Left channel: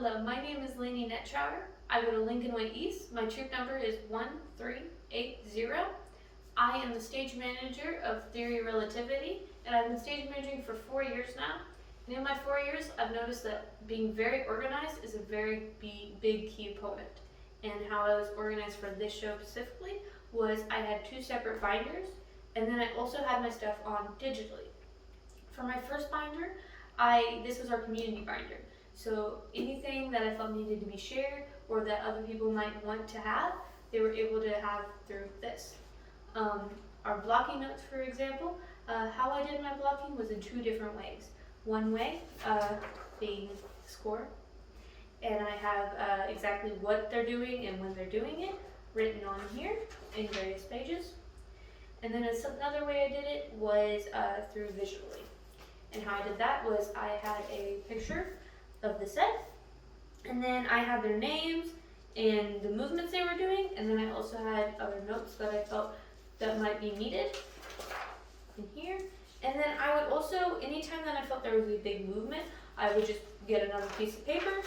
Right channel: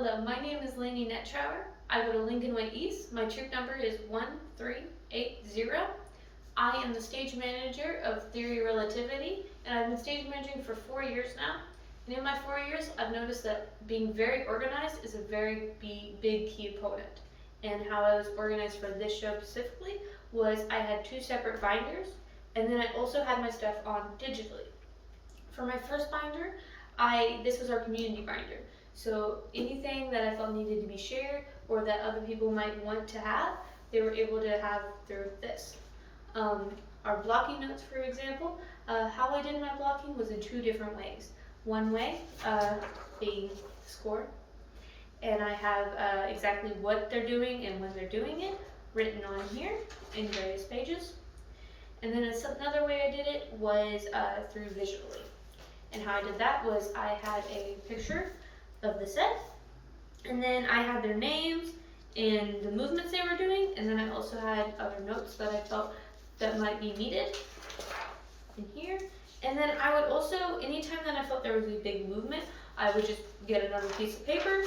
Hello, my name is Lainey Nettrower. I go to Lincoln Way East. My troop number is 1380. I am the stage manager of Theory Relativity, and I've been stage managing for 4 years now. And in my 4 years, I've noticed that being very organized is a very big key component. And how I was organized for this show specifically was I had 2 separate binders, and then I also had my stuff on digitally. For my first binder, this was our community binder. So anything that I felt needed to be shared or that other people might want to have, they were able to have through this. Our blocking notes, for example, how I did my blocking was in 2 different ways. One way being the score, and I have exactly what they're doing and when they're doing it written on here in various pages. And then another way I did it was through visually. And how I did that was I had a picture of the set, and then I had their names and the movements they were doing, and then I also had other notes that I felt that might be needed in here. And then I would also, anytime that I felt there was a big movement, I would just get another piece of paper,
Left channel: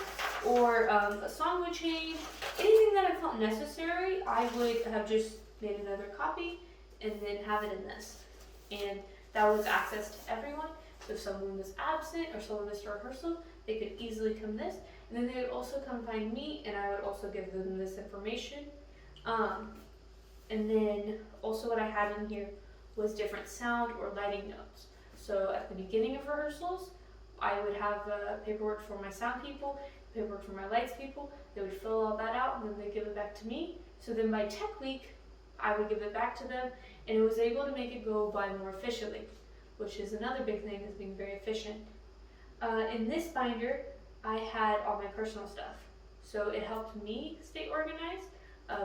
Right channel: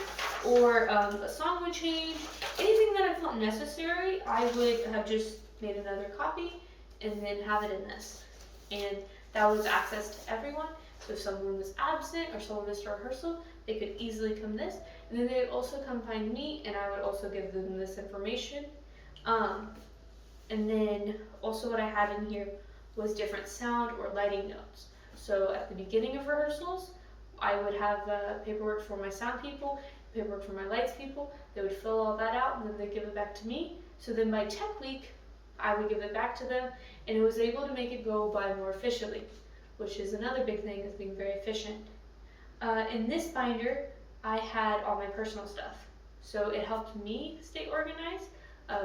or a song would change. Anything that I felt necessary, I would have just made another copy and then have it in this. And that was access to everyone. So if someone was absent or someone missed a rehearsal, they could easily come this, and then they would also come find me, and I would also give them this information. And then also what I had in here was different sound or lighting notes. So at the beginning of rehearsals, I would have paperwork for my sound people, paperwork for my lights people. They would fill all that out, and then they'd give it back to me. So then by tech week, I would give it back to them, and it was able to make it go by more efficiently, which is another big thing, is being very efficient. In this binder, I had all my personal stuff. So it helped me stay organized.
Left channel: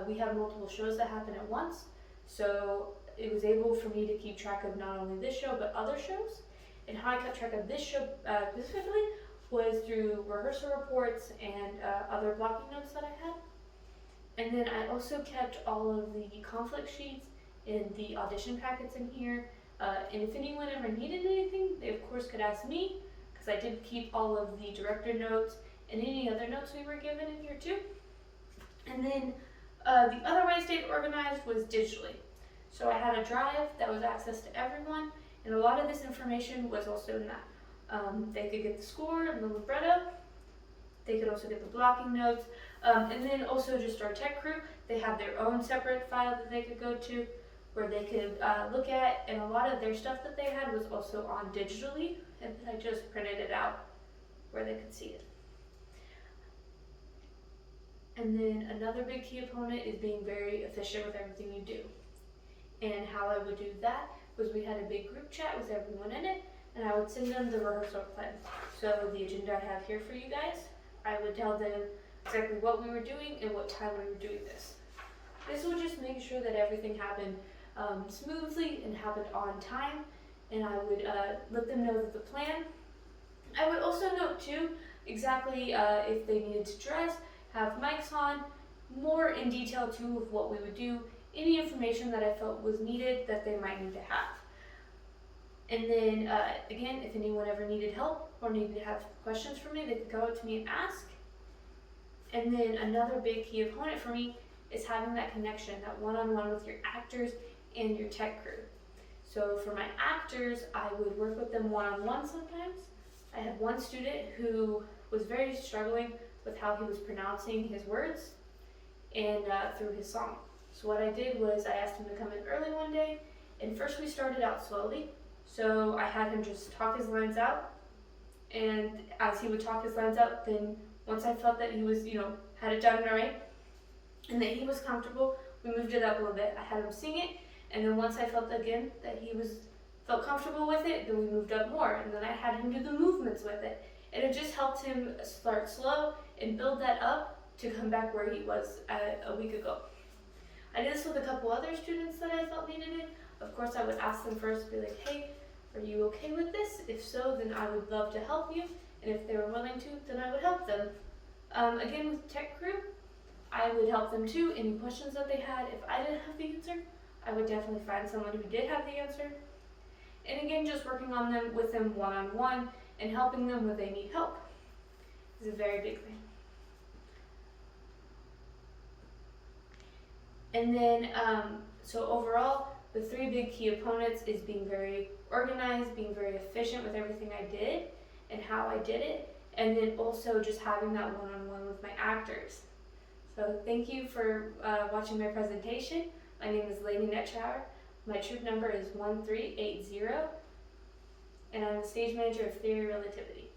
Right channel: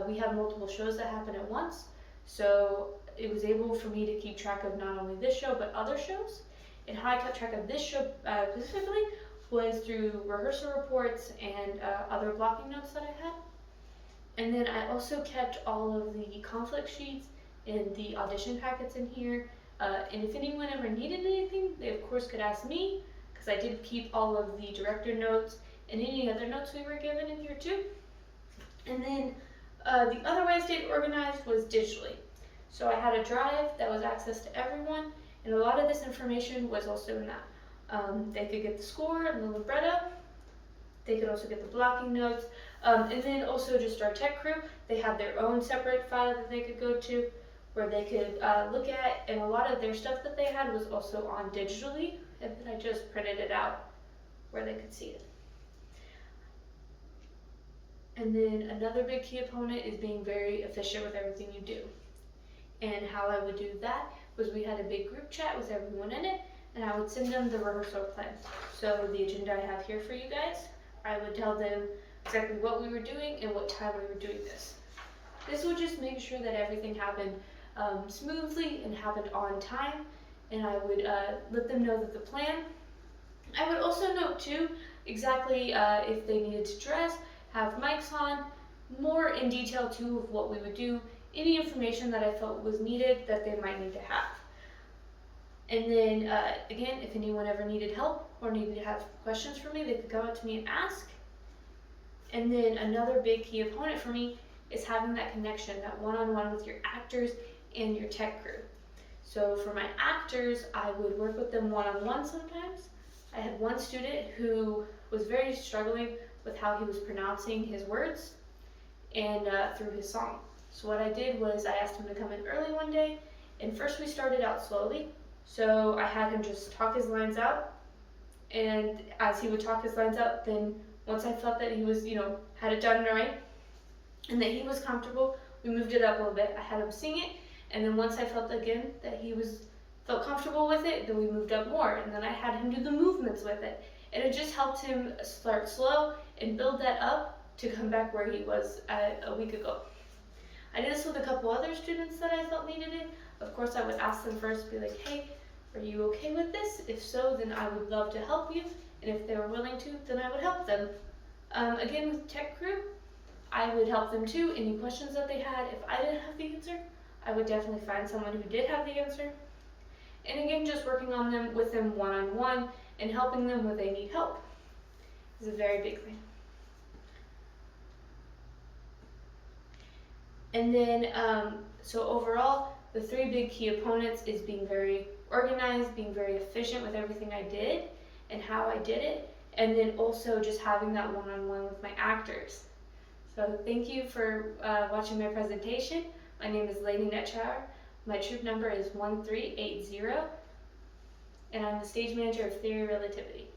We have multiple shows that happen at once. So it was able for me to keep track of not only this show, but other shows. And how I kept track of this show specifically was through rehearsal reports and other blocking notes that I had. And then I also kept all of the conflict sheets and the audition packets in here. And if anyone ever needed anything, they of course could ask me, because I did keep all of the director notes and any other notes we were given in here too. And then the other way I stayed organized was digitally. So I had a drive that was access to everyone, and a lot of this information was also in that. They could get the score and the libretto. They could also get the blocking notes. And then also just our tech crew, they had their own separate file that they could go to, where they could look at, and a lot of their stuff that they had was also on digitally, and then I just printed it out where they could see it. And then another big key component is being very efficient with everything you do. And how I would do that was we had a big group chat with everyone in it, and I would send them the rehearsal plan. So the agenda I have here for you guys, I would tell them exactly what we were doing and what time we were doing this. This would just make sure that everything happened smoothly and happened on time, and I would let them know that the plan. I would also note too exactly if they needed to dress, have mics on, more in detail too of what we would do, any information that I felt was needed that they might need to have. And then again, if anyone ever needed help or needed to have questions for me, they could go up to me and ask. And then another big key component for me is having that connection, that one-on-one with your actors and your tech crew. So for my actors, I would work with them one-on-one sometimes. I had one student who was very struggling with how he was pronouncing his words and through his song. So what I did was I asked him to come in early one day, and first we started out slowly. So I had him just talk his lines out, and as he would talk his lines out, then once I felt that he was, had it done right, and that he was comfortable, we moved it up a little bit. I had him sing it, and then once I felt again that he felt comfortable with it, then we moved up more, and then I had him do the movements with it. And it just helped him start slow and build that up to come back where he was a week ago. I did this with a couple other students that I felt needed it. Of course, I would ask them first, be like, hey, are you okay with this? If so, then I would love to help you. And if they were willing to, then I would help them. Again, with tech crew, I would help them too. Any questions that they had, if I didn't have the answer, I would definitely find someone who did have the answer. And again, just working with them one-on-one and helping them when they need help is a very big thing. And then, so overall, the three big key opponents is being very organized, being very efficient with everything I did and how I did it, and then also just having that one-on-one with my actors. So thank you for watching my presentation. My name is Lady Nettrower. My troop number is 1380, and I'm the stage manager of Theory Relativity.